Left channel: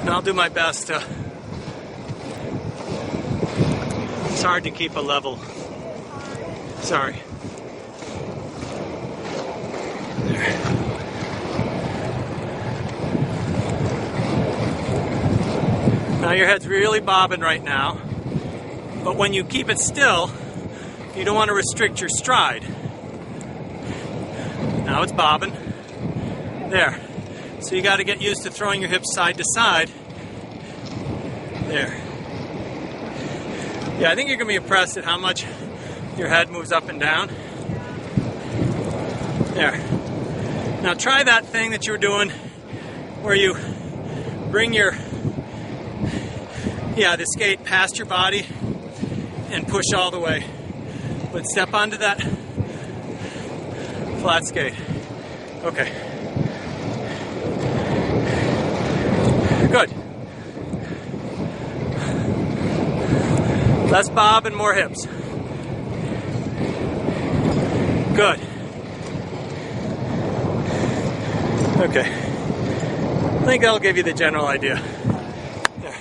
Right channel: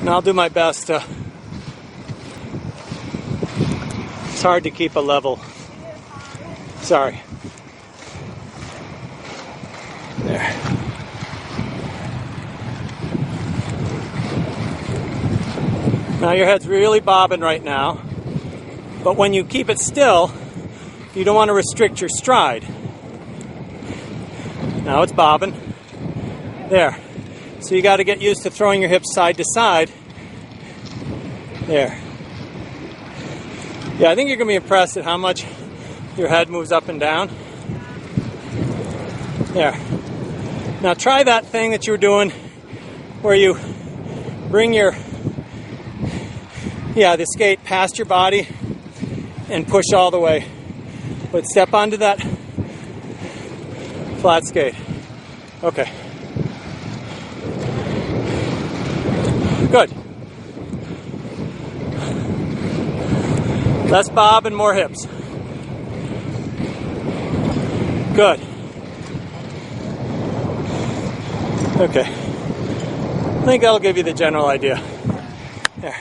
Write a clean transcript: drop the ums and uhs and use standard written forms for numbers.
And I'll do my best to... It's hard to keep a level. Sorry. There. Now your head's really bobbing right now, but when you keep it still, you don't want to restrict your stride. Now it's bobbing. There. So you got to get used to throwing your hips side to side. There. Yeah, I think you're going to be impressed at how much your head moves up and down. There. Now try that thing that you were doing where you bring your, the skate past your body and push all the way. But step onto that flat skate. Okay. Good. Less bob and more hips. Good. Okay. I think that'll give you the general idea. Yeah.